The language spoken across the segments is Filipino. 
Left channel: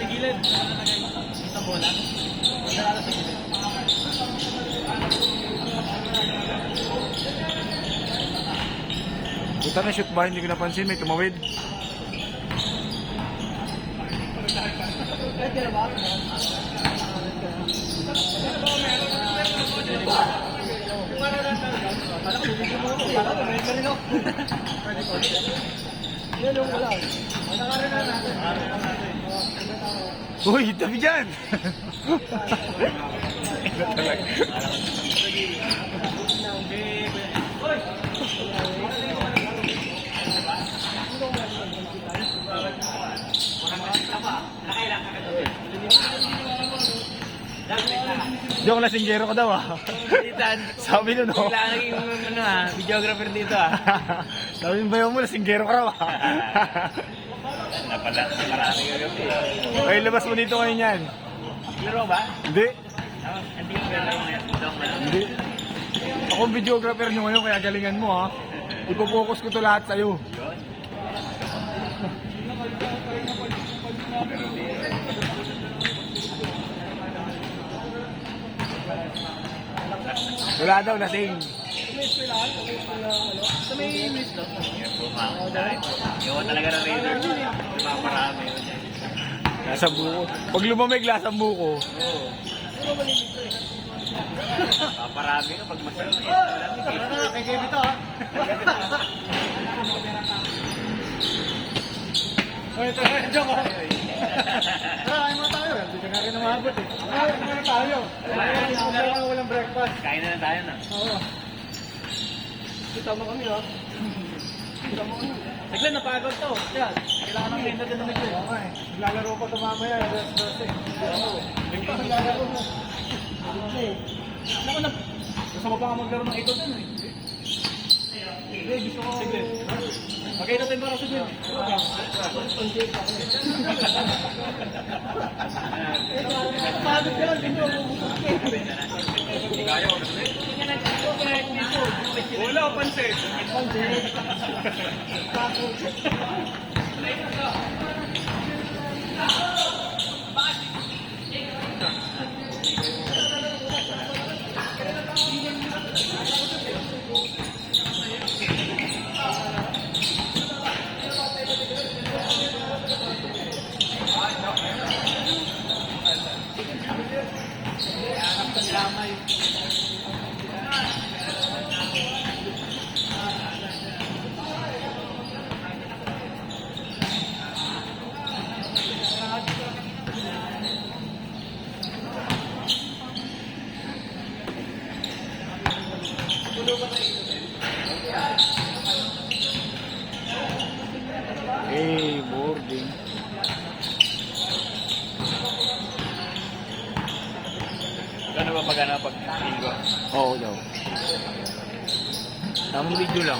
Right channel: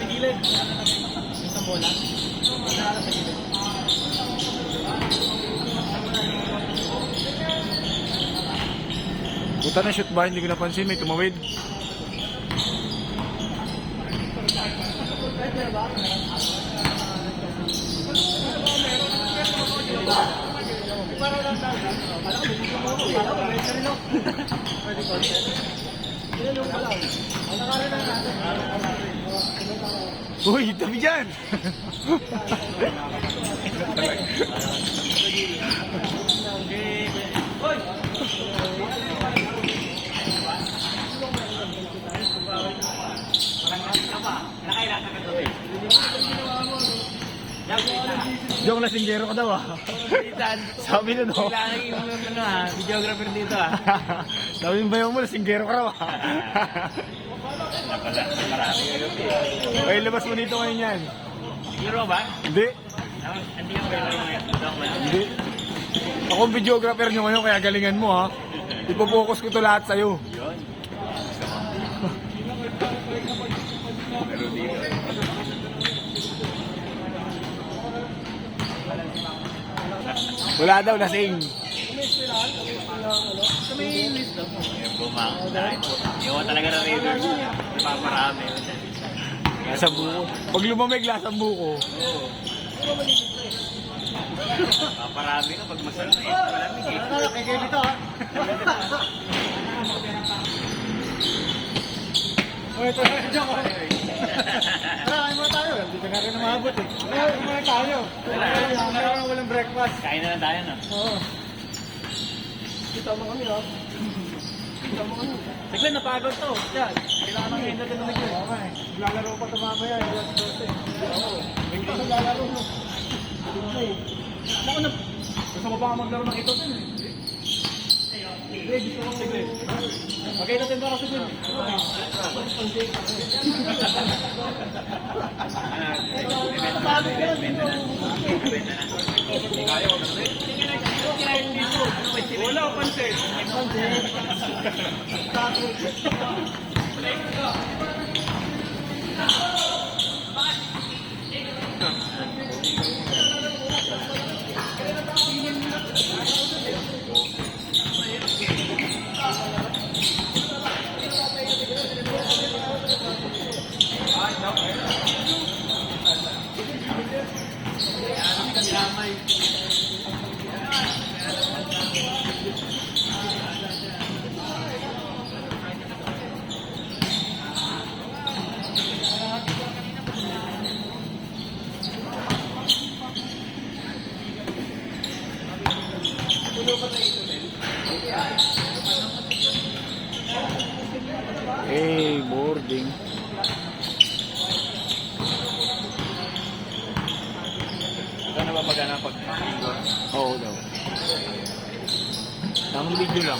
may gilid. Sa bola. Sa gilid. Buta na shoot ba? Hindi ko napansin. May tumawid. Uy, tabi dyan! Diyan ko lasinggero ka daw ah. Sabi nun oh. Kailangan yung videographer dito ah. Sabi yung bayo mo, lasinggero ka raw ah. Ay, labas mo dito ngayon yan. Laro ba? Hindi. Hindi yung laro ngayon. Hindi. Ako ang videographer nyo ngayon, kaya galingan mo ha. Ipopokus ko to lahat sa'yo. Wala daw, lasing. Sa may list daw. Iwan talaga ng Raiders. Marami. Nasa buko. Pag lumamig, lasang buko. Oo. Paparami ka pag masarap. Kay Gaby to ha. Tara, mo tayo. Hindi ka na rin umabot eh. Ay, muna tayo. Walang breakfast. Kain na lang tayo na. Oo. Kita mo kami ha. Kita mo kami. Saglan, napagod to. Yan. Kailangan ng ganda din naman yun. Okay. Lalaro pa ito mamaya. Gusto mo pa nga maglaro ng ito din eh. Okay, ito din para sa good. Wala ko pansin. Hey, boarding. Ano ba magana pag-igo? Oo daw. Tamang video lang.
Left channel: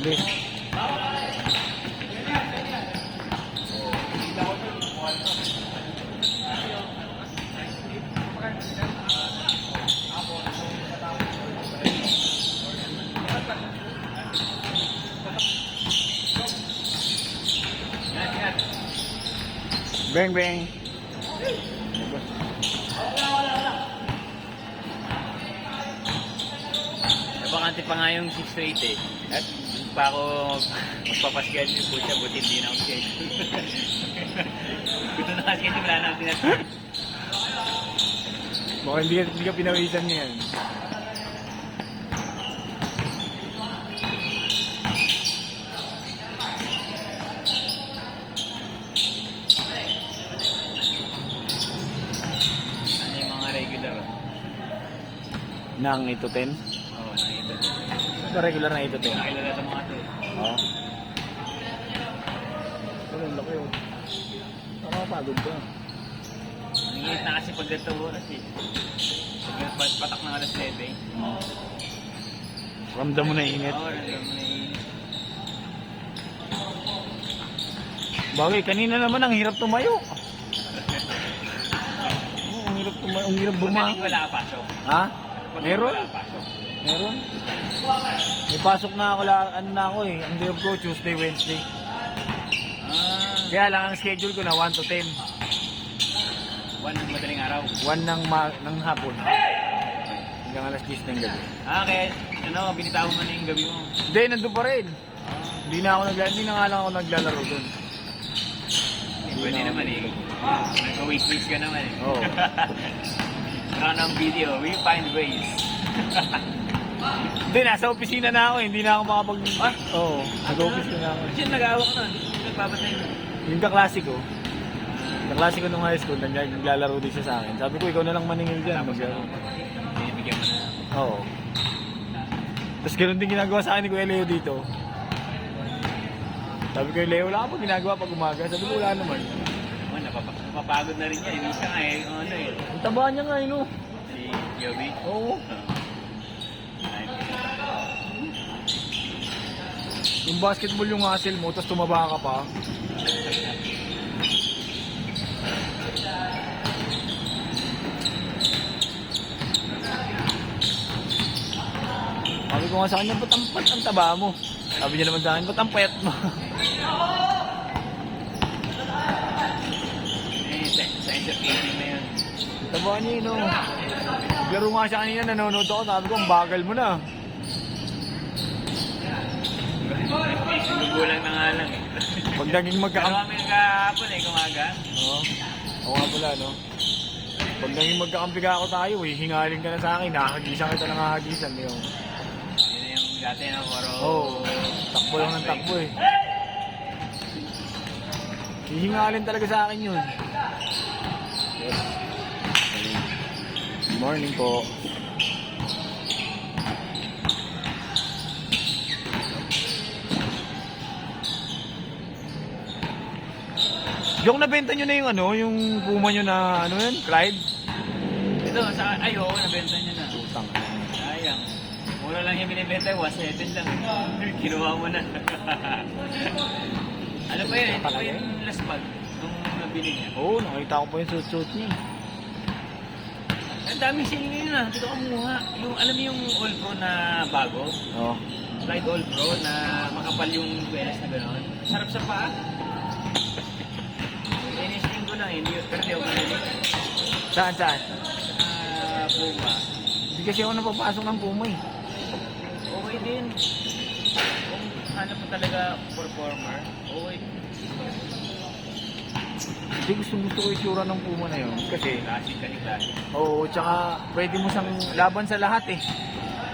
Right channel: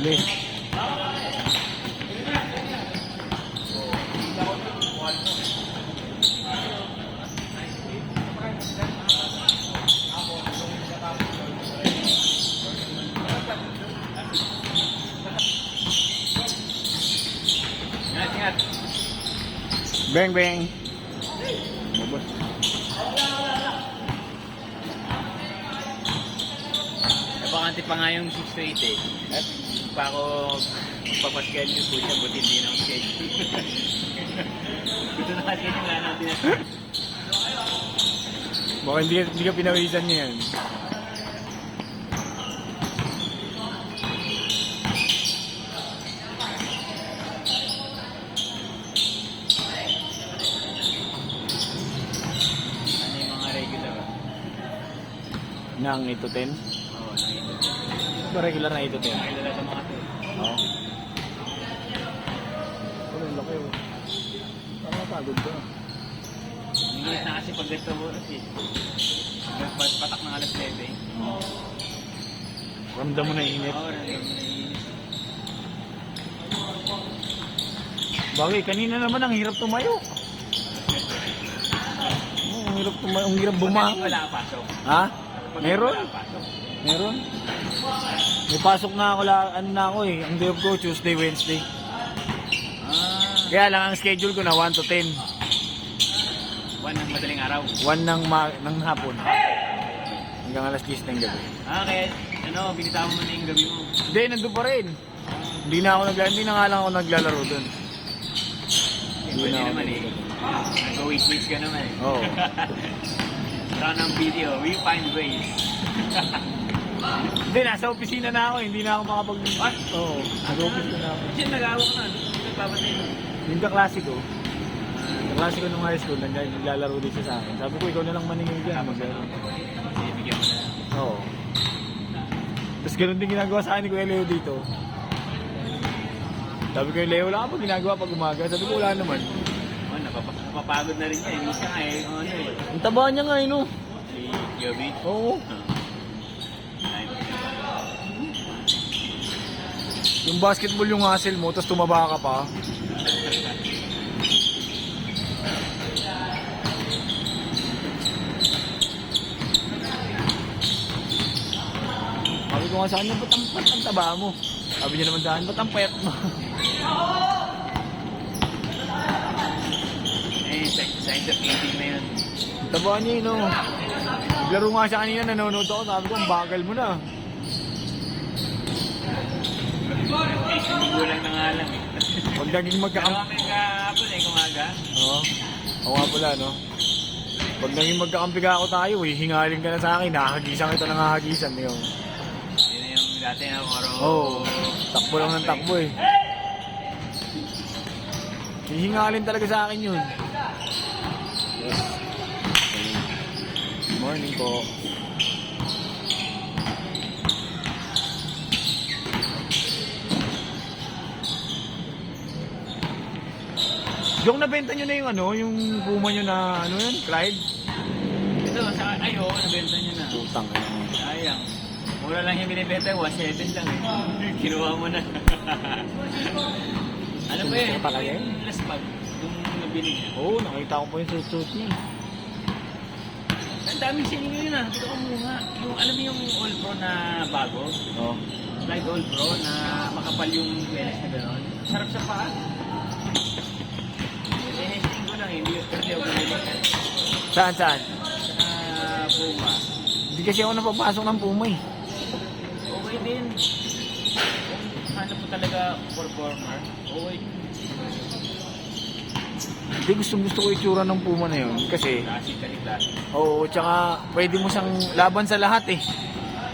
Uli. Bang bang. Bakante pa nga yung 6-8 eh. At pa ako papasyan yung pucha, buti hindi na ako schedule. Gusto na kasi wala na pinasya. Baka hindi ka pinawisan niya yun. Ano yung mga regular? Nang 8 to 10? Oo, nakita. Ito regular na 8 to 10. Nakita na ito kasi. Oo. Ano, laki. Nakapagod ko. Nangingit na kasi pag sa oras eh. Patak ng alas 7 eh. Ganda mo na init. Oo, nangingit. Bawi, kanina naman ang hirap tumayo. Ang hirap tumayo, ang hirap bumangon. Wala ka pasok. Ha? Meron? Wala ka pasok. Meron? May pasok na ako, ano na ako eh. Ang day off ko, Tuesday, Wednesday. Kaya lang, ang schedule ko na 1 to 10. 1 ng madaling araw. 1 ng hapon. Hanggang alas 10 ng gabi. Okay. Ano, binitawan mo na yung gabi mo. Hindi, nandun pa rin. Hindi na nga lang ako naglalaro doon. Pwede naman eh. So, weekends ka naman eh. Oo. Parang ng video, we find ways. Hindi, nasa opisina na ako. Hindi na ako makapag... Oo, nag-office ko na ako. Kasi nag-awak na. Nagpapatay mo. Yung kaklase ko, nung high school, naglalaro din siya sa akin. Sabi ko, ikaw na lang maningil dyan. Maglaro. Binibigyan mo na. Oo. Tapos ganun din ginagawa sa akin ni Kuya Leo dito. Sabi ko, Leo, wala ka pa ginagawa pag umaga. Sabi ko, wala naman. Oh, napapagod na rin yan. Inusa nga eh. Ano eh. Ang taba niya nga, no? Si Yobi. Oo. Yung basketball yung hustle mo, tapos tumaba ka pa. Sabi ko nga sa kanya, ba't ang taba mo? Sabi niya naman sa akin, ba't ang payat mo? Eh, science of thinking na yun. Taba niya yun, no? Laro nga siya kanina, nanonood ako, sabi ko, ang bagal mo na. Sinigulang na nga lang eh. Pag naging magkakampi... Kami kahapon eh, kumaga. Oo. Ako nga pala, no? Pag naging magkakampi ka ako tayo, eh, hingalin ka na sa akin, nakahagisan kita ng hagisan mo yung... Yun na yung dati na paro. Oo, takbo lang ng takbo eh. Hingalin talaga sa akin yun. Yes. Morning po. Yung nabenta nyo na yung ano, yung puma nyo na ano yun, Pride? Ito, ay oo, nabenta niya na. Utang. Sayang. Mura lang yung binibenta, 1.7 lang eh. Kinuha mo na. Ano pa yun? Ito pa yung last bag nung nabili niya. Oo, nakita ko pa yung suit niya. Ang daming sili ngayon ah. Hindi ko kumuha. Yung, alam mo yung All Pro na bago? Oo. Slide All Pro na makapal yung welas na gano'n. Sarap sa paa. Inesting ko lang eh. Pero di ako bumili. Saan? Sa Puma. Hindi kasi ako napapasok ng puma eh. Okay din. Kung hanap mo talaga performer, okay. Hindi gusto ko itsura ng puma na yun. Kasi, Classic ka nila. oo, tsaka pwede mo siyang laban sa lahat eh.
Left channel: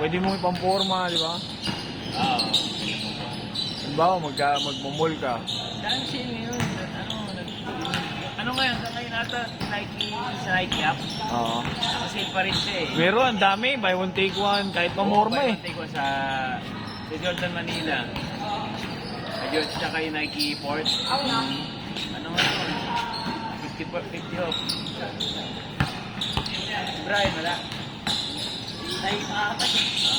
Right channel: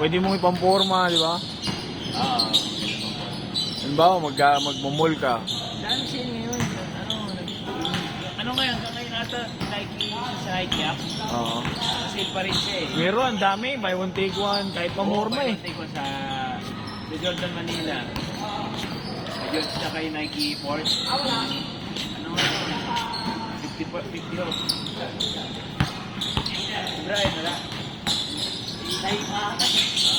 Pwede mo ipamporma, di ba? Halimbawa, magmamall ka. Dahil siya ngayon, ano ngayon, ngayon ata Nike sa Nike app, Oo. sale pa rin siya eh. Meron, ang dami. Buy one, take one. Kahit pamorma eh. Pagkatay ko sa Jordan Manila. Sa Jordan tsaka yung Nike Force. Ano nga? 50 off. Brian, wala. Ay, makakatas eh. Ha?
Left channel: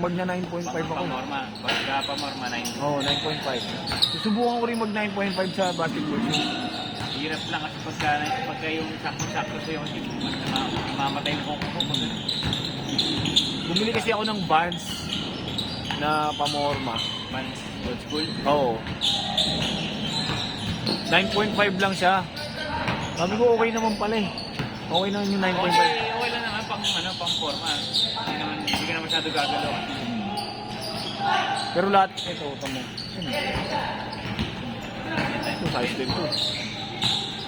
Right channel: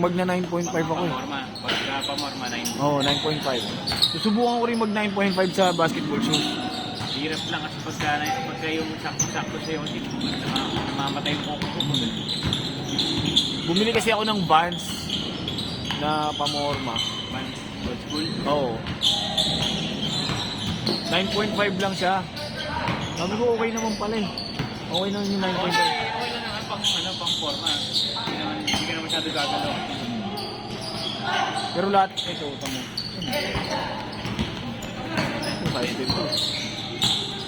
Magna 9.5 ako eh. Pamorma. Pagka pamorma na yun. Oo, 9.5. Susubukan ko rin mag 9.5 sa basketball shoes. Hirap lang kasi pagka yung sakto-sakto ko yung mamatay mo ko. Bumili kasi ako ng Vans na pamorma. Old school. Oo. 9.5 lang siya. Sabi ko okay naman pala eh. Okay naman yung 9.5. Okay lang naman pang forma. Hindi ka naman masyado gagalaw. Pero lahat ito, utang mo. Ito, size din ko.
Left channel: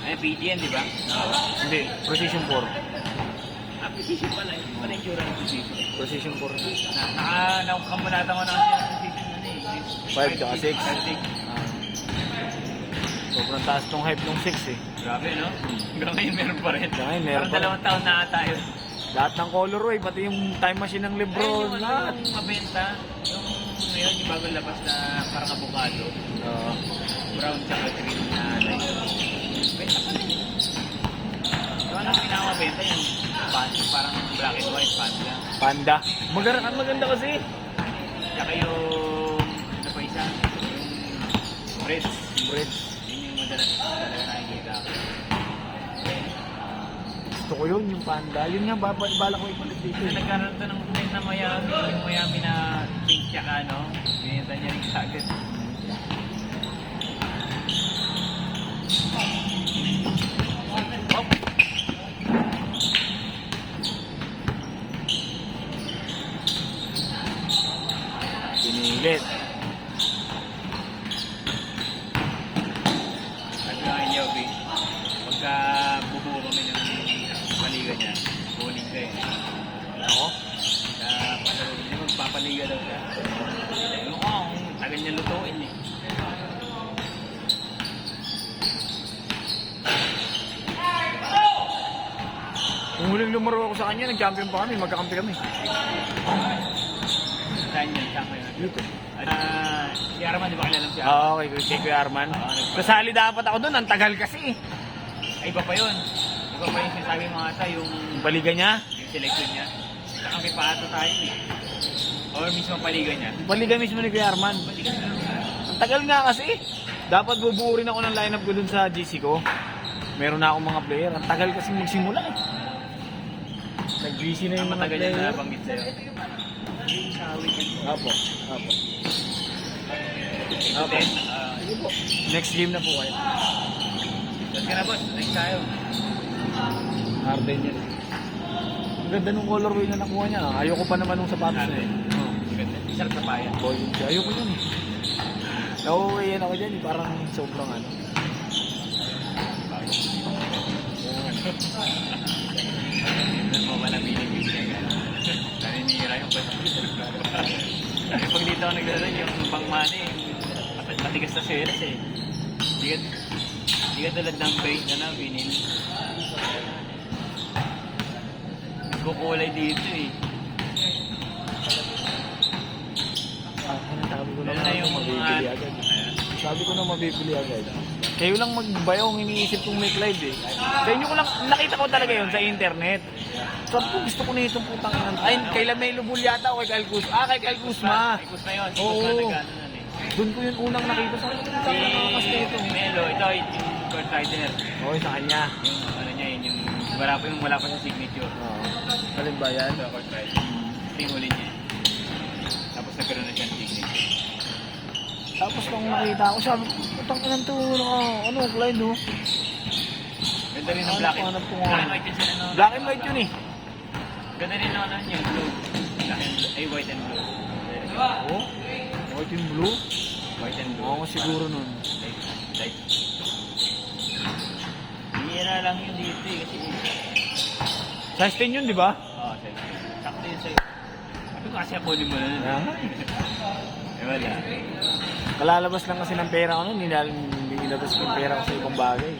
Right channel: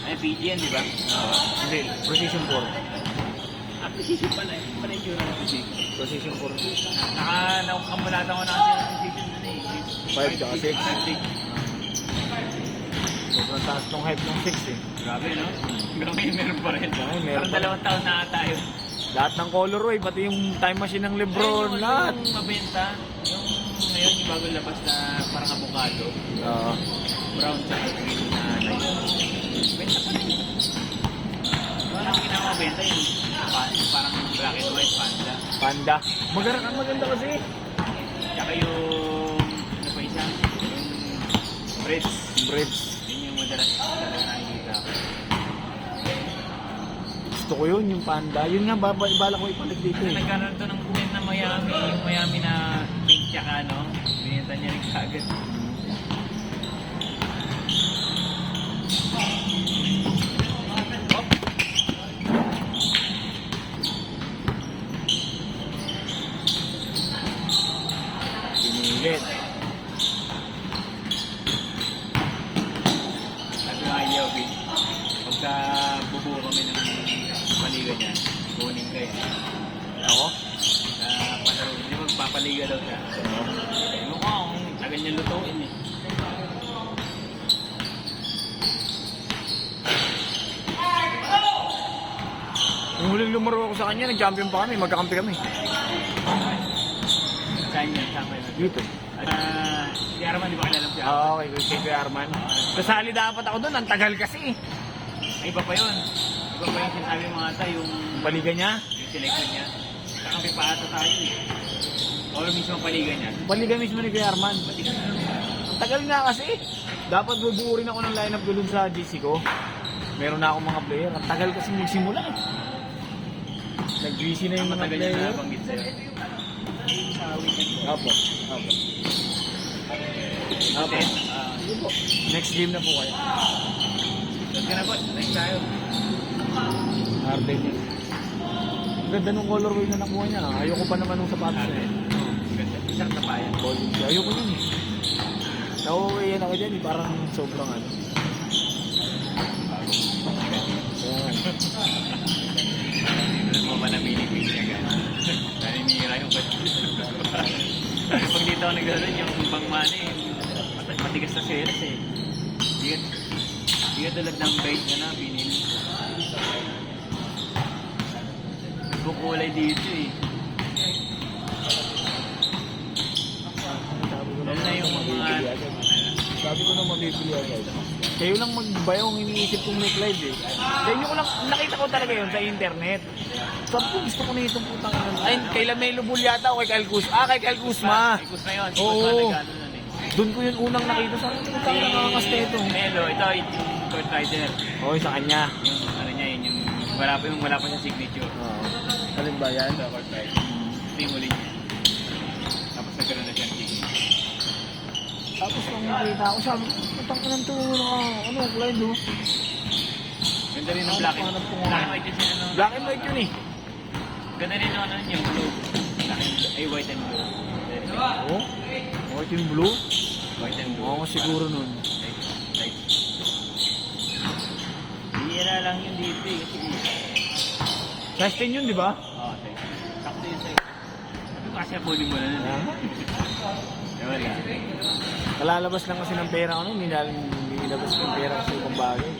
Ay, PDN, di ba? Hindi, Precision 4. At position pala. Pala yung cura ng position. Precision 4. Nakakamulatan ko na kasi ang position na eh. 5 tsaka 6. So, kung taas tong hype ng 6 eh. Grabe, no? Hanggang ngayon meron pa rin. Hanggang ngayon meron Parang pa rin. 2 taon na tayo. Lahat ng colorway, pati yung time machine ng Lebron, lahat. Yung mabenta, yung ngayon, yung bago labas na parang avocado. Brown tsaka ano. Ano ang pinakamabenta yung parang black and white panda. Panda. Maganda kasi. Tsaka Ay, yung, ano pa isa? Yung breads. Breads. Yun yung madalas nakikita ko. Gusto ko yun, yung panda. Yun nga, babala ko ipalit dito eh. Nagkaroon to ng kulit na Miami, yung Miami na pink tsaka ano, binenta niya rin kagad. Pinilit. At mga yogi, pagka bubuo kami ng paligo niya, kunin ko yun. Ako? Sa pasalo, hindi magpapaligo daw siya. Ano ko, ang tagal niya lutuin eh. Kung huling lumaro ako sa kanya, nag-champion pa kami, magkakampi kami. Saan yan? Saan ko yun? Dito. Si Arman, di ba kilala siya? Oo, kay Kuya Arman. Kasali dapat ako doon, ang tagal kasi eh. Ay, iba pa yun. Iba pa yung sinasabi mo nga yung Baligan niya? selection niya. Kasi pa ata tayo eh. O mismo paligan niya. Baligan mismo ni Kuya Arman. Ang tagal na kasi. Dapat bubuo rin ako ng lineup ko dun sa GC ko. Meron na akong mga player. Ang tagal kasi nagsimula. Nag-GC na yung mga Matagal niya player. na banggit sa'yo. Sa weekend ko. Apo. Apo. Then, Sige po. Next game na po kayo. doon ka na boss. Next tayo. Arden yun. Ang ganda ng colorway na nakuha niya. Ayoko pa naman ng sapatos na yun. Ganda. Isang tapayan. Ayoko yun. Nauuwi yan ako dyan. Parang sobrang ano. Yung mga nanginigil niya. Naninira yung boss. Pag dito ako nagdalo, yung pangmani, matigas na series eh. Di ka tulad ng bait na na, vinil. Yung kulay dito eh. Lalo na yung Mabibili agad. Sabi ko na mabibili agad. Kayo lang magbayong iniisip kong may Clyde eh. Sa inyo ko lang, nakita ko talaga yun sa internet. Sabi ko gusto ko na itong putang ng... Ay, kay Lamelo Bull yata o kay Kyle Kuzma. Kay Kyle Kuzma. Tapos na yun. Oo. Tapos na nag-ano nun eh. Doon ko yung unang nakita sa akin. Mas na ito. Melo, ikaw yung Kurt Rider. Oo, sa kanya. Yung ano niya, yung wala pa sa signature. Oo. Alin ba yan? Ito, Kurt Rider. Ito yung huli niya. Tapos nagkaroon na siya ng signature. Tapos nung nakita ko, sabi ko, itong inang to, ano, Clyde oh. Ganda rin ng black and Hanap ko nga. white kasi ano. Black and white yun eh. Ganda rin ng ano yung blue. Ay, white and blue. Oo. White and blue. White and blue. Oo, siguro nun. Like, hindi na lang yun dito eh. Kasi, Size 10 yun, di ba? okay. Sakto yun sa'yo. Ano kasi ako mo na nun eh. Eh, wala. Malalabas lang kasi ng pera ko nun, hindi nilabas ko yung pera kasi ibang bagay.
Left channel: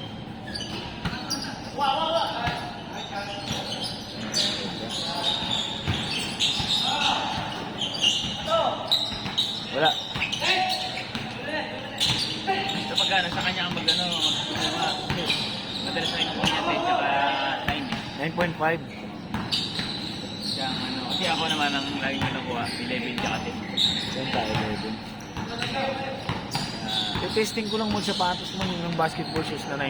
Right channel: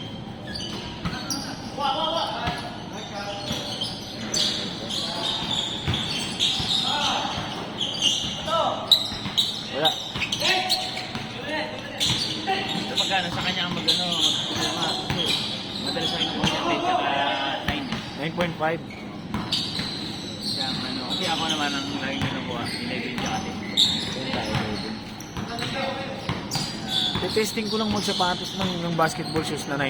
Wala. So pagka nasa kanya ang mag-ano, mag-ano, madalas na ng concentrate tsaka time. 9.5. Kaya ano, kasi ako naman ang lagi na nakuha, 11 tsaka 10. Testing ko lang mo sa sapatos ng basketball shoes na 9.5.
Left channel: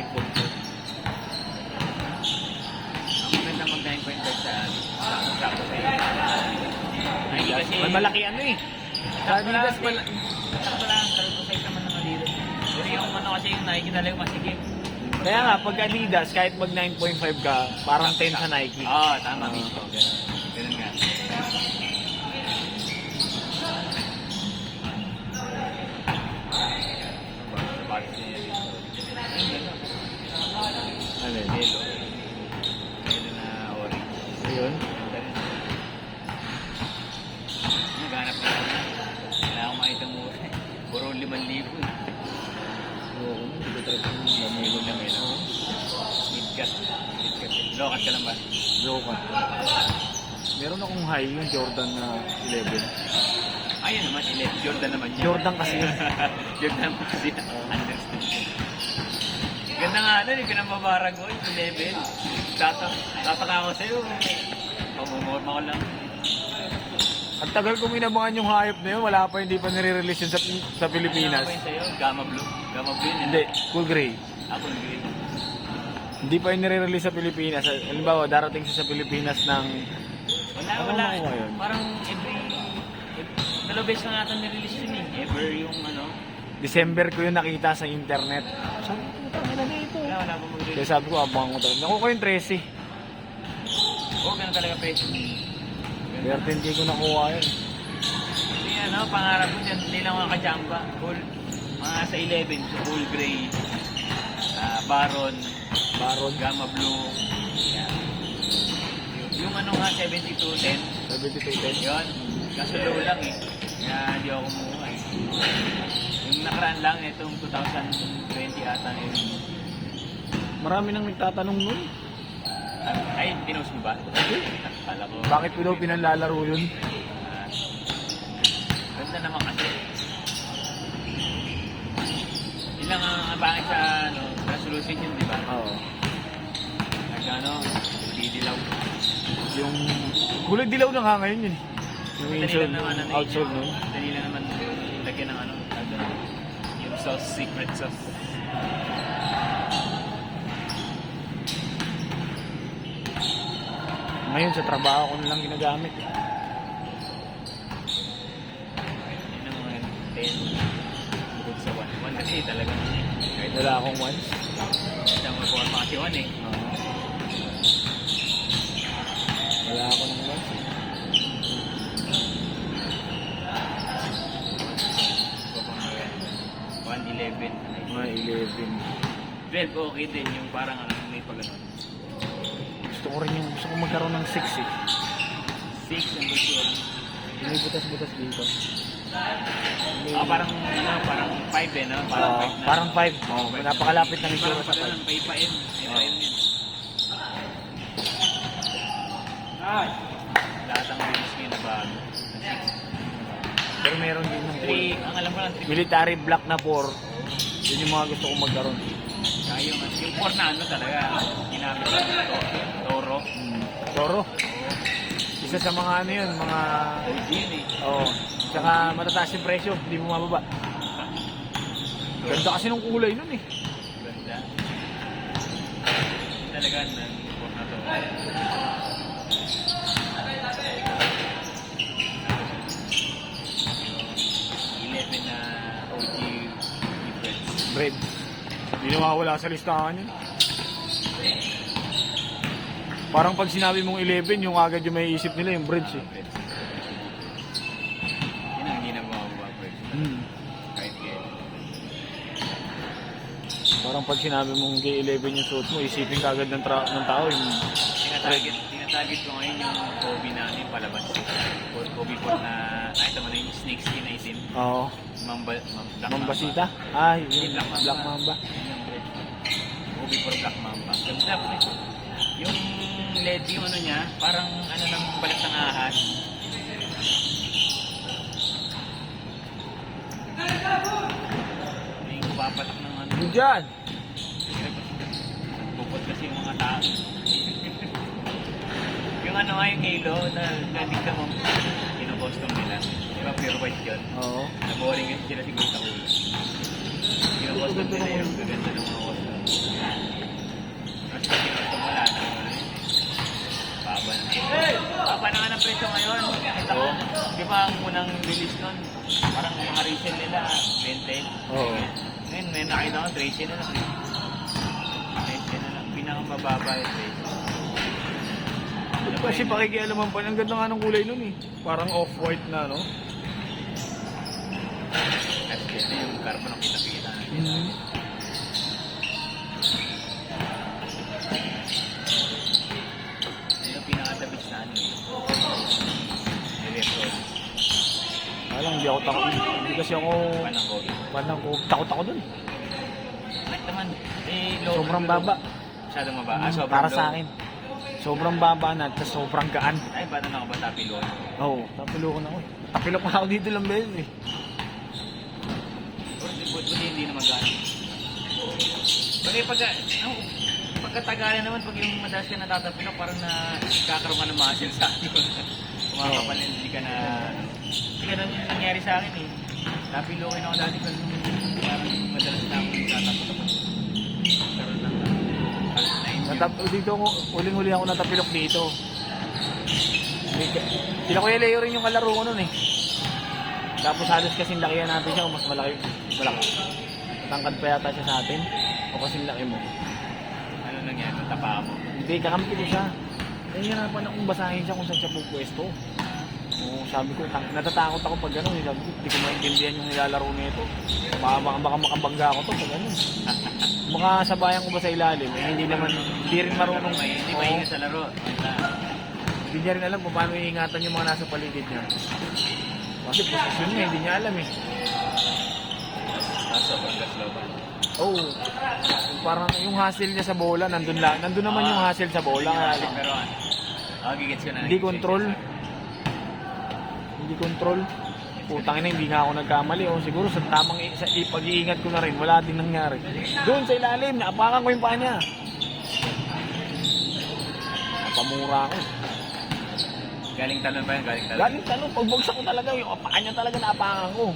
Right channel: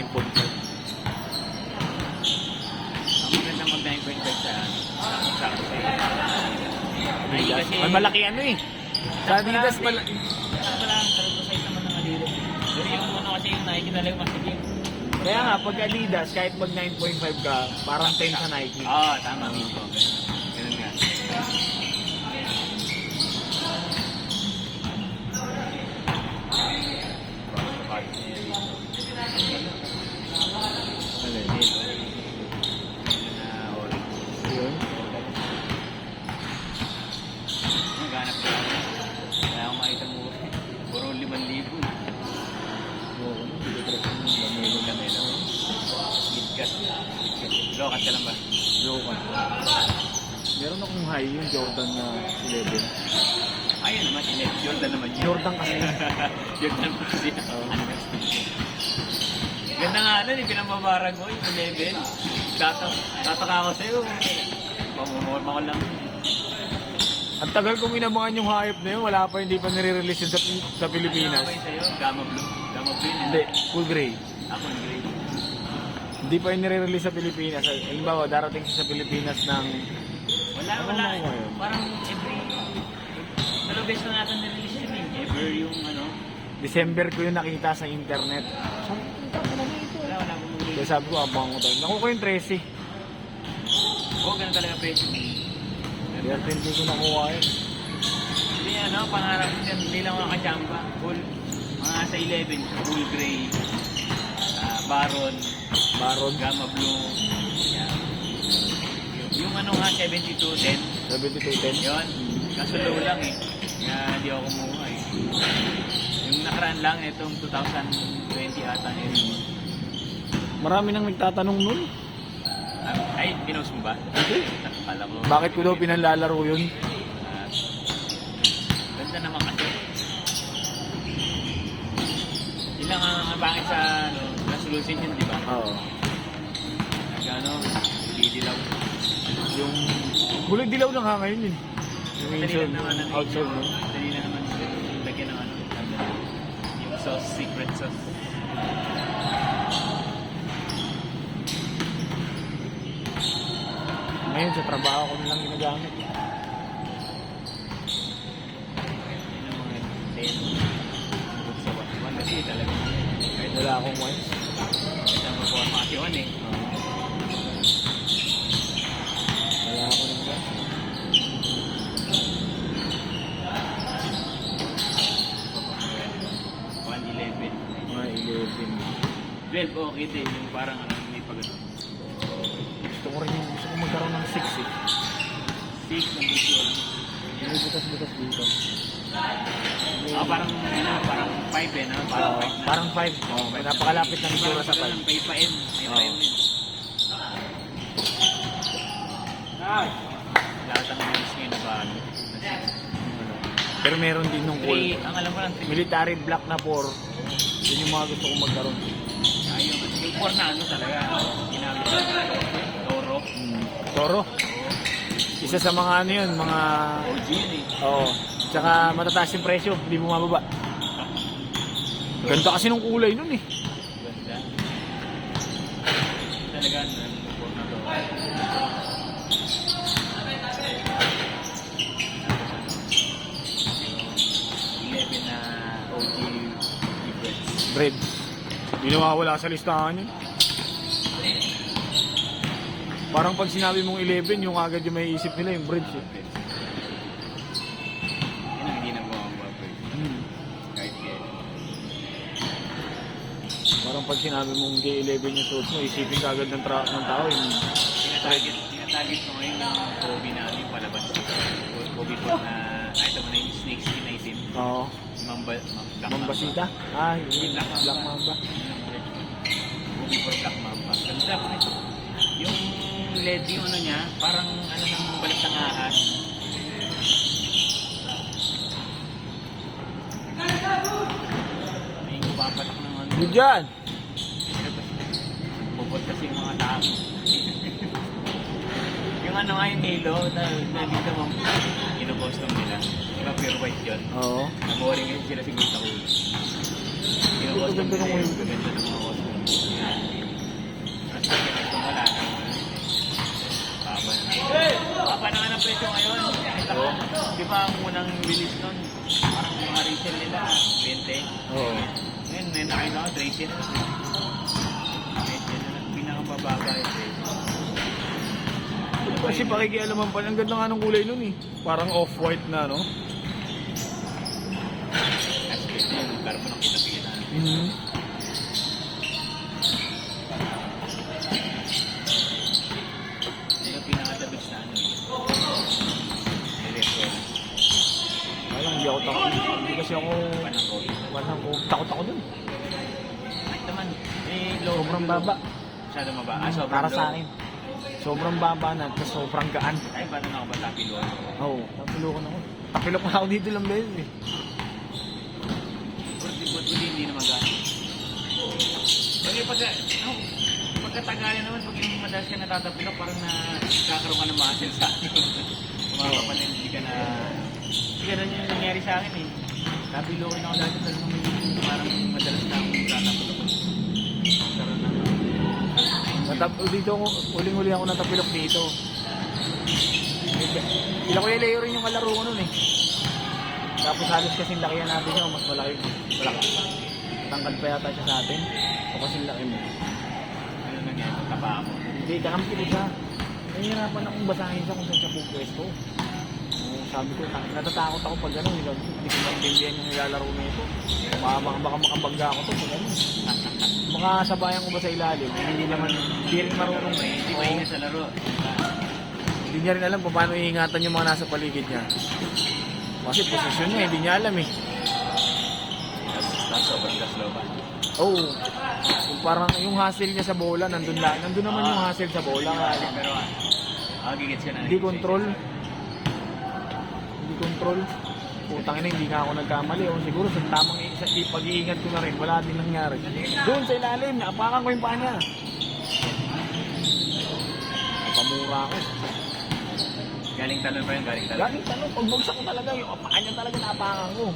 Ang maganda mag-9.5 sa sapo sa May malaki ano eh. Sabi Wala, Adidas, wala, sabi ko sa'yo naman ng Adidas. Pero yung ano kasi yung Nike na lang mas sige. kaya nga, pag Adidas, kahit mag 9.5 ka, parang 10 sa Nike. Oo, tama. Ganun nga. Ano yun? Yun. Naghanap na ako. Kaya akong makita mo. Puro 5,000. Milo na milo. Midcat. Brokat ka lang ba? Joke. Meron akong high yung Jordan na 11. Ayun naman, Jordan naman yun. Jordan kasi yun. Jordan naman kasi yun. Ganda nga ano, hindi ka na mabarag ko yung 11. Tataka ako sa'yo. Pamumorma ko lang. Ang tagal kong inabangan yung hype na yun, wala pa, hindi pa nire-release yun sa Pilipinas. Ano ba yun sa'yo? Gamma Blue? Gamma Blue? Hindi, Cool Gray. Ako yung green. Hindi pa yung nire-release sa Pilipinas. Halimbawa, darating siya sa Pilipinas ng... Wala, Ano wala. na ngayon? Parang beses na natin na-release yun eh. Ever yung ano. December ko yung nakita sa internet. So, ano dito? Wala, wala akong mag-release. Kaya sabi ko, abang ko tayo. Nakuha ko yung 13. Oo, ganun talaga presyo. 13 hindi ko nakuha yun. Hindi ano, pangarap ko dyan, hindi lang mga kajamba. Full, mga sa 11, sa Cool Gray, Baron, Baron, Gamma Blue. Yan. Yung ano nga, 7210, 7210. yun. Kaso low lang eh. Kaya hindi ako kumuha eh. Yung nakaraan lang, itong 2020 ata na yun. Marami nang nagtatanong nun. Ay, pinost mo ba? Hindi. Kala ko. Bakit ko daw pinalalaro yun? Ganda naman kasi. Yun lang ang bakit sa ano, resolution yun, di ba? Oo. Sa ano, hindi lang. Yung kulay dilaw lang ha ngayon yun. Yung Dali inside, lang naman ano, outside no? Dali lang naman lagyan ng ano, yung sauce, secret sauce. Ngayon sa trabaho ko nilang ginagamit. Yun ang mga 10. Bukod sa 1. Kasi talaga. Kahit Wala akong once. isang pumatiwan eh. Wala ako ng once. Mga 11. 12, okay din. Yung parang may pagano. Gusto ko rin yung gusto ko magkaroon ng 6 eh. 6 ang gusto ko lang. May butas-butas dito. Parang 5 eh, no? Parang 5. Oh, napakalapit ng itsura sa 5. Parang pay-pa-in. Lahat ang mga gusto na bago. Pero meron din ng full. Ang alam mo lang, Military black na 4. Yun yung mga gusto kong magkaroon. yung 4 na ano talaga, ginamit Toro. Toro. Isa sa mga ano yun, mga... OG eh. Oo. Tsaka matataas yung presyo, hindi mo mababa. Ganda kasi nung kulay nun eh. Ganda. Talaga, nan-support na to. Na OG difference. Bread. Hindi na mawala sa listahan yun. Parang pag sinabi mong 11, yung agad yung may isip nila yung breads eh. Yun ang ginagawa ko boyfriend. Kahit kailan. Parang pag sinabi mong J11 yung suot mo, isipin ka agad ng tao yung... Tinatarget ko ngayon yung hobby namin palabas. Hobby ko na kahit naman yung snake skin item. Oo. Mambasita? Ah, yung Black Mamba. Hobby ko black mamba. Ganda po ito. Yung LED yung ano niya, parang ano nang balik ng ahas. May papatak ng ano. Yun dyan! Bukod kasi yung mga tao. Yung ano nga yung halo, na dito mo, pinupost ko nila. Diba pure white gun? Oo. Nabuhalin yung sila si Buta ko. Pinupost ko nila yung ganun yung mga customer. Tapos kasi ito wala na. Baba na. Baba na nga ng presyo ngayon. Oo. Di ba ang unang release nun? Parang yung resale nila, 20. Oo. Ngayon, may nakita ko, 30 na. 30 na lang. Pinakabababa yung presyo. Kasi pakikialaman pa, ang ganda nga ng kulay nun eh. Parang off-white na, no? At ito yung carbon ang kita-kita. Ito yung pinakatabis na ano. Nire-refer. Alam, hindi ako takot. Hindi kasi ako... Panang ko. Takot ako dun. At naman, Sobrang baba. Masyadong maba. Para sa akin. Sobrang baba na, tapos sobrang gaan. Ay, paano na ako ba tapilo? Oo, tapiloko na ako. Tapilok pa ako dito lang beses eh. Hindi na magaan. Pero pagkatagalan naman, pag yung madalas ka natatapilok, parang kakaroon ka ng muscle sa ano. Mga kapalin, hindi ka na ganun yung nangyari sa akin eh. Napilokin ako dati kasi nung parang madalas na akong tatapos. Karoon ng Dito ako, uling-uli ako natapilok dito. Sila Kuya Leo rin yung kalaro ko nun eh. Tapos halos kasing lakihan natin siya, mas malaki. Malakas. Matangkad pa yata siya sa atin. O kasing laki mo. ano nangyari sa taba ako. Hindi, kakampi ko siya. Nahihirapan akong basahin siya kung saan siya pupwesto. Sabi ko, natatakot ako pag gano'n. Hindi ko maintindihan yung nilalaro niya ito. Baka makabangga ako to. Gano'n. Mga sabayan ko ba sa ilalim? Eh, hindi rin marunong. Hindi maingat sa laro. Hindi niya rin alam kung paano iingatan yung mga nasa paligid niya. Kasi posisyon niya, hindi niya alam eh. Pasok, slow ba? Oo. Parang yung hassle niya sa bola, nandun naman yung hassle sa bola. Pero gigits ka na. Hindi control. Hindi control. Putang ina, hindi nga ako nagkamali. O siguro sa tamang pag-iingat ko na rin, wala din nangyari. Doon sa ilalim, naapakan ko yung paa niya. Napamura ako. Galing tanong pa yun, galing tanong. Galing tanong, pagbagsak ko talaga, yung paa niya talaga naapakan ko.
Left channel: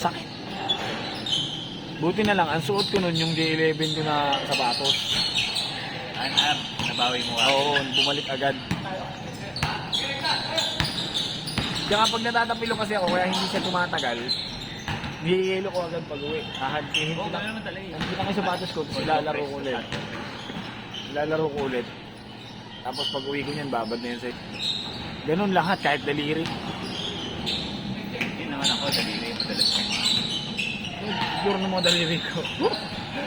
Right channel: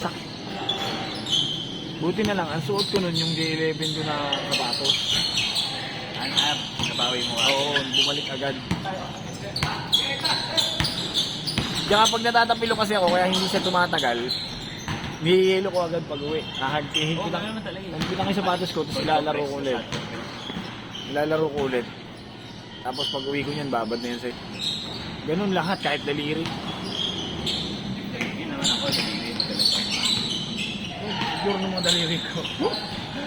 Sakit. Buti na lang, ang suot ko nun yung J11 ko na sapatos. Nabawi mo ka. Oo, bumalik agad. Kaya pag natatapilo kasi ako, kaya hindi siya tumatagal, nihihilo ko agad pag uwi. Kahagpihin ko naman talaga yun. Hindi na yung sapatos ko, tapos ilalaro ko ulit. Ilalaro ko ulit. Tapos pag uwi ko niyan, babad na yan sa'yo. Ganun lahat, kahit daliri. Hindi naman ako, dalili mo talaga. Siguro na mga daliri ko.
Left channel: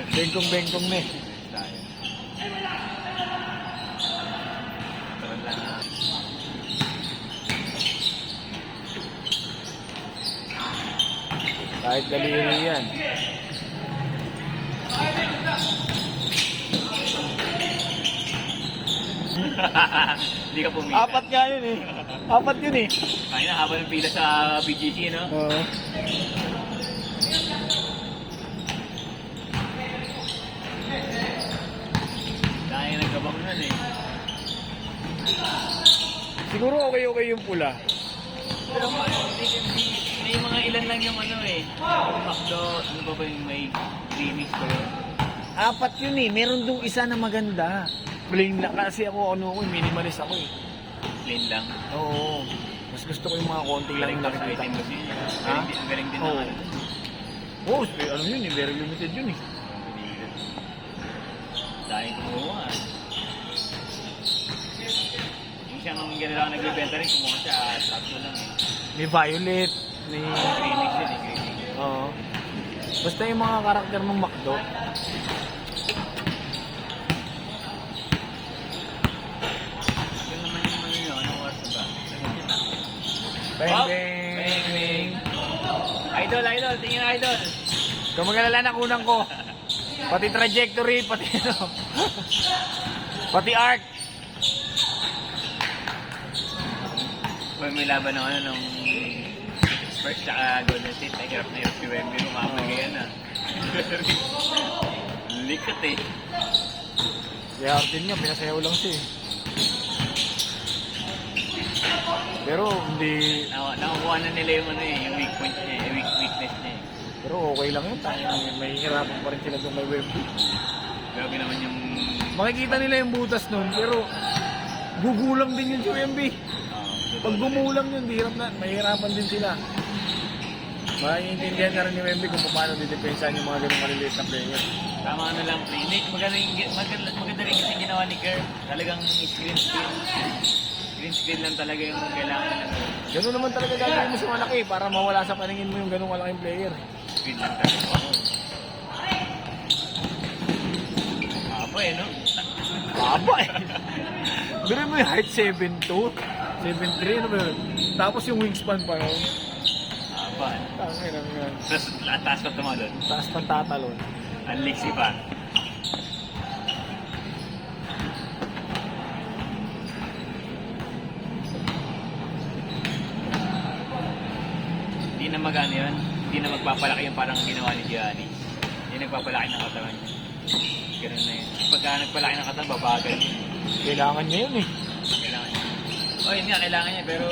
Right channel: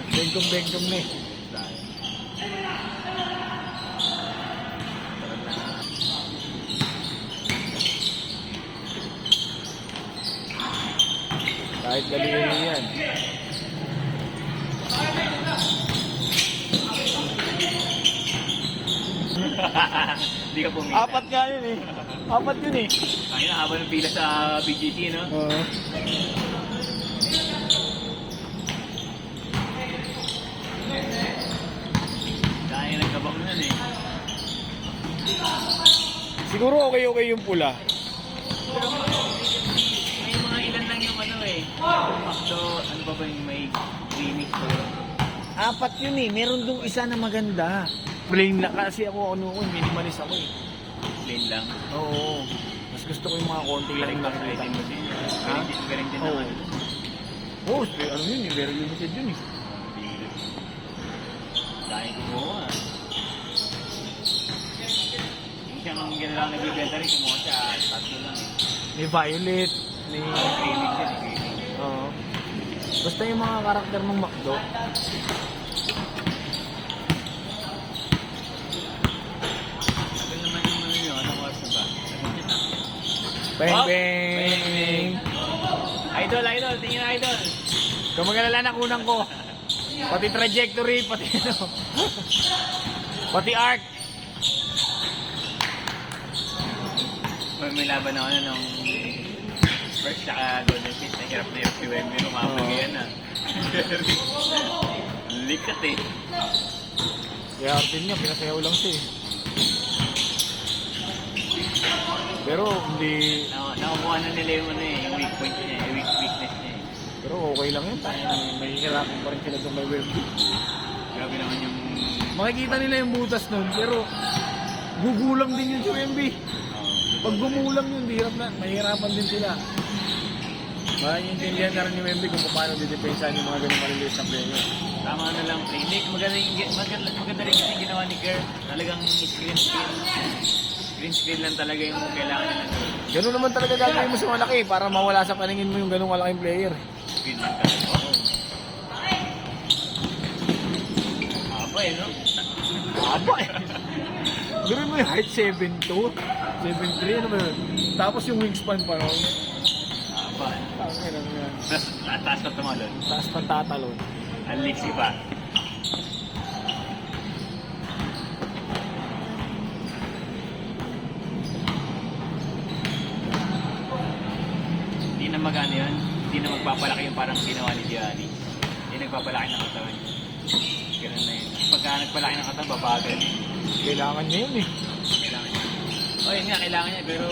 Bengkong-bengkong na eh. Kahit daliri yan. Hindi ka pumila. Apat nga yun eh. Apat yun eh. Kaya na, habang ng pila sa BGC, no? Oo. Kaya nagkabang nun eh. Siguro okay yung pula. May mga ilan lang yung ano eh. So, ano ba ba yung may remix ko yun? Apat yun eh. Meron dong isa na maganda. Plain na kasi ako minimalist ako eh. Plain lang. Oo. Mas gusto ko yung mga konti lang yung Collector's nakikita. item kasi. Galing din Oo. naman. Oo, ano yun eh. Very limited yun eh. Dahil ko Hindi siya mga gano'n lang nagbibenta rin. Kumuha siya, tatlo lang eh. May violet. May... Remix yun eh, remix. Oo. Basta yung mga karakter ng McDo. Ito naman yung ano ko sa ba? Bang bang! Idol, tingin na idol. Kung mag-alala na unang ko. Pati trajectory, pati pati art. May laban ng ano nung first tsaka Golden State. Ay, hirap na hirap si Wemby nung makapugi yan ah. Likat eh. Kaya Artin niya, pinasayaw lang siya eh. Pero hindi... Nakukuha na nila yung ano eh, yung weak point niya eh, weakness niya eh. Pero okay lang yun. May hirapan pa rin sila sa may Wemby. Grabe naman yung... Makikita nila yung butas nun, pero gugulang din yung Wemby. Pag gumulang yun, mahirapan din sila. Maintindihan na rin yung Wemby kung paano dudupensahan yung mga ganun maliliit na player. Tama na lang. Hindi, maganda rin kasi ginawa ni Kerr. Talagang green screen. Green screen lang talaga yung kailangan na Ganun naman talaga gagawin mo sa malaki para mawala sa paningin mo yung ganung malaking player. screen lang talaga. Ako eh, no? Aba eh. Ganun mo yung height 7'2", 7'3", ano ba yun? Tapos yung wingspan pa ron. Tangin lang yun. Tapos, taas ka tumalon. Taas pang tatalon. Unliksi ba? Hindi na magano yun. Hindi na magpapalaki yung parang ginawa ni Gianni. Hindi nagpapalaki ng katawan niya. Ganun na yun. Pagka nagpalaki ng katawan, babagal. Kailangan niya yun eh. Kailangan niya. O yun nga, kailangan niya. Pero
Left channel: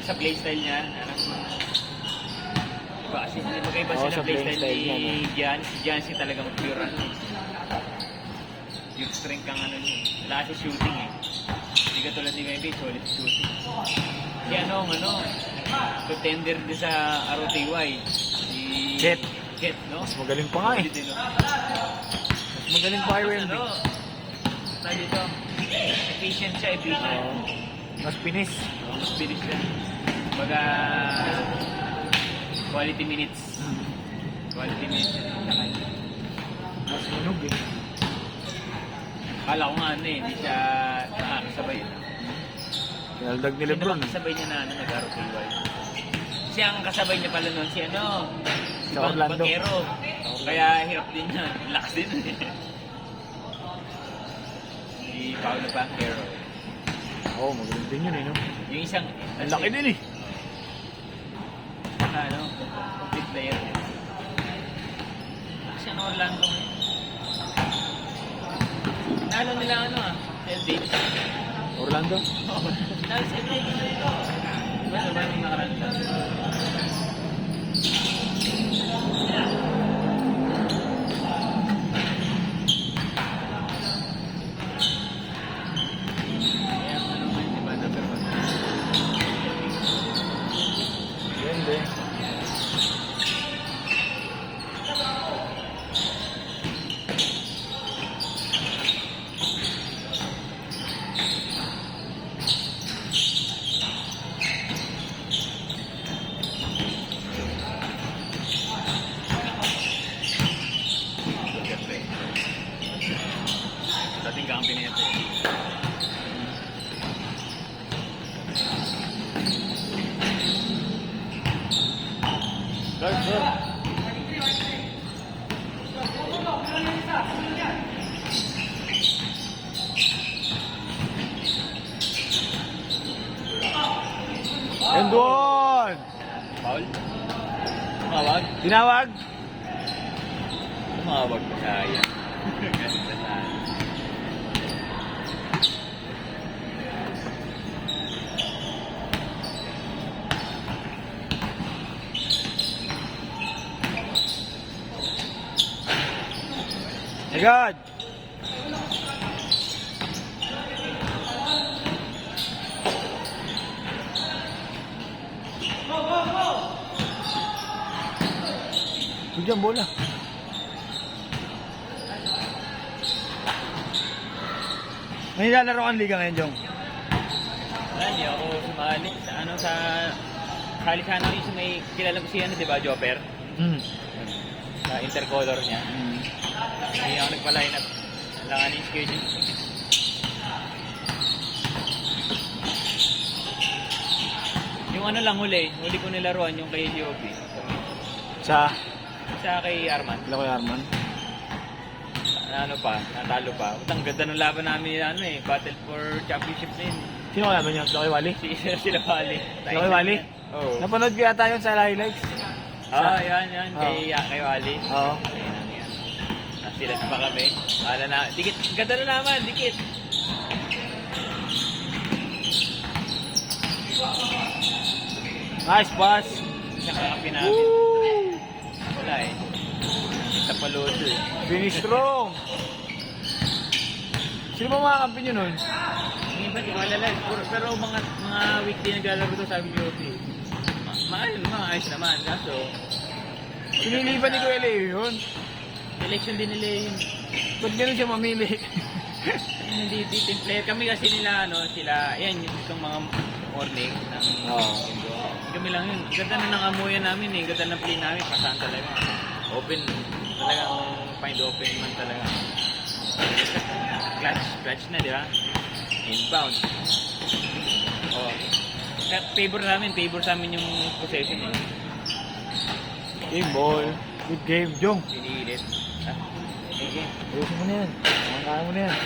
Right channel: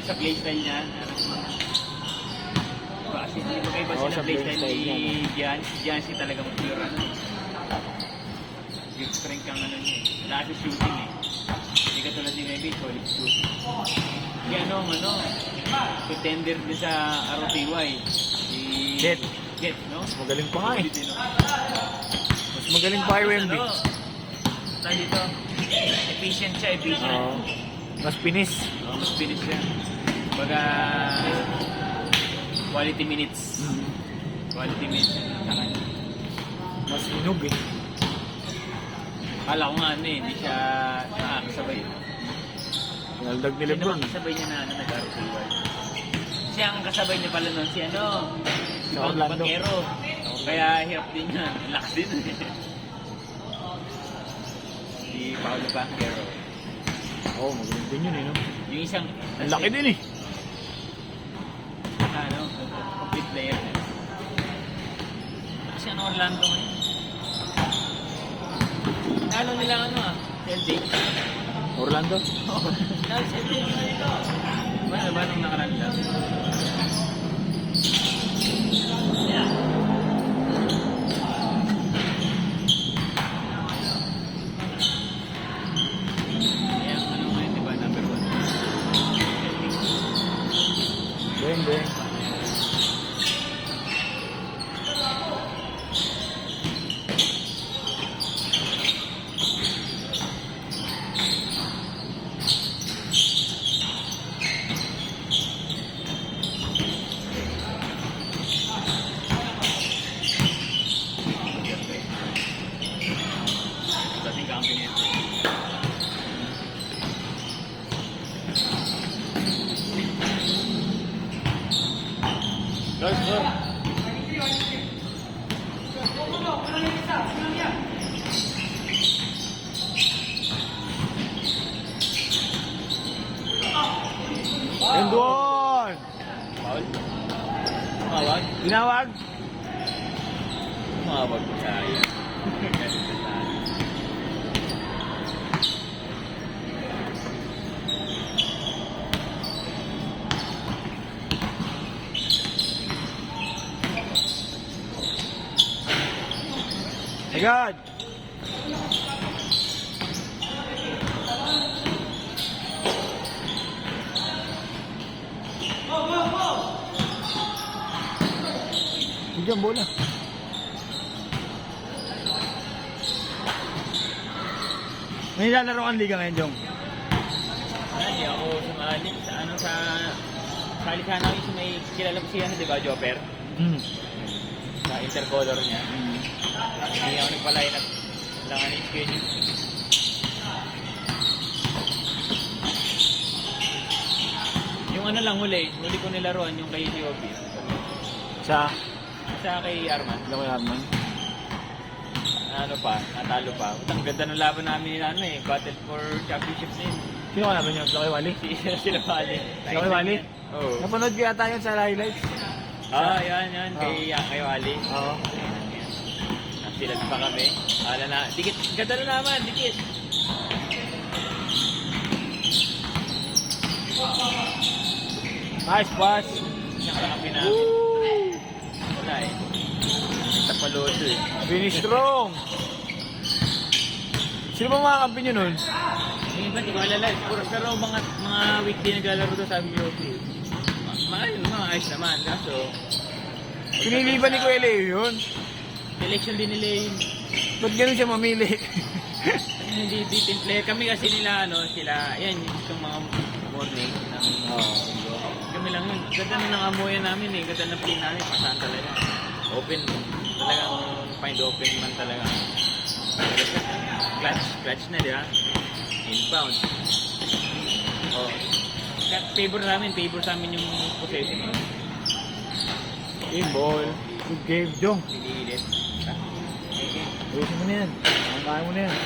Yung sa playstyle niya, ano, kasi magkaiba Oo, sila sa playstyle playstyle ni niya, no? Jancy. Jancy talagang pure ano. Yung strength kang ano niya. Wala kasi shooting eh. Hindi ka tulad ni Maybe, solid shooting. Si ano, contender din sa ROTY. Si Jet. Jet, no? Mas magaling pa nga eh. Solid din, no? Mas magaling pa kay Wemby. Ano? Saan dito? Efficient siya, efficient. Mas pinis. Mas bilis siya. Baga, quality minutes. Quality minutes. Mas inog eh. Kala ko nga ano eh, hindi siya nakakasabay. Pinaldag ni Lebron. Kasabay niya na ano, nag-ROTY. Siya ang kasabay niya pala nun, si ano, si Sa Orlando. Banquero. Kaya hirap din niya, lax din. Si Paolo Banquero. Oo, magaling din yun eh, no? Yung isang, Ang laki din eh. Saka ano, complete player. Kasi ano, Orlando. Ano nila ano ah, LB. Orlando? Tapos ito. Well, sabay nung nakaraan nila. Beng, beng. Dating kampi nito. Guard, guard. And one! Paul? Tawag? Tinawag? Tumawag ko sayang. Galit na tayo. My God! Bigyan bola. May nilalaro ang liga ngayon, Jong. Hindi ako sumali sa ano sa sali sana rin si may kilala ko si ano, di ba, Jopper? Sa intercolor niya. Hindi ako nagpa-line up. Wala nga yung schedule. Yung ano lang huli ko nilaruan yung kay DOP. Sa Sa kay Arman. Lako Arman. Ano pa, natalo pa. Ang ganda ng laban namin nila ano eh, battle for championship din. Sino kaya ba niya? Laki Wally? Sila Wally. Laki Wally? Oo. Napanood ko yata yun sa highlights. Yan. Kay Wally. Oo. Sila pa kami. Wala na. Dikit. Ganda na naman. Dikit. Nice pass. Kasabi namin. Wala eh. Tapaloso eh. Finish strong. Sino ba mga kampi nyo nun? Yung iba, di ko alalay. Pero mga weekday naglalaro to sabi ko, okay. Maayos naman. Kaso, Pinili ba ni Kuya Leo yun? selection din nila yun. Ba't ganun siya mamili? Hindi decent player. Kami kasi nila, ano, sila, yan, yung mga morning. Kami lang yun. Ganda na ng amuyan namin eh. Ganda ng play namin. Pasang talaga. Open. Talagang find open man talaga. Clutch na, di ba? Inbound. Favor sa amin yung possession eh. Game ball. Good game, Jong. Pinilit. Ayusin mo na yan. Kaya mo na yan.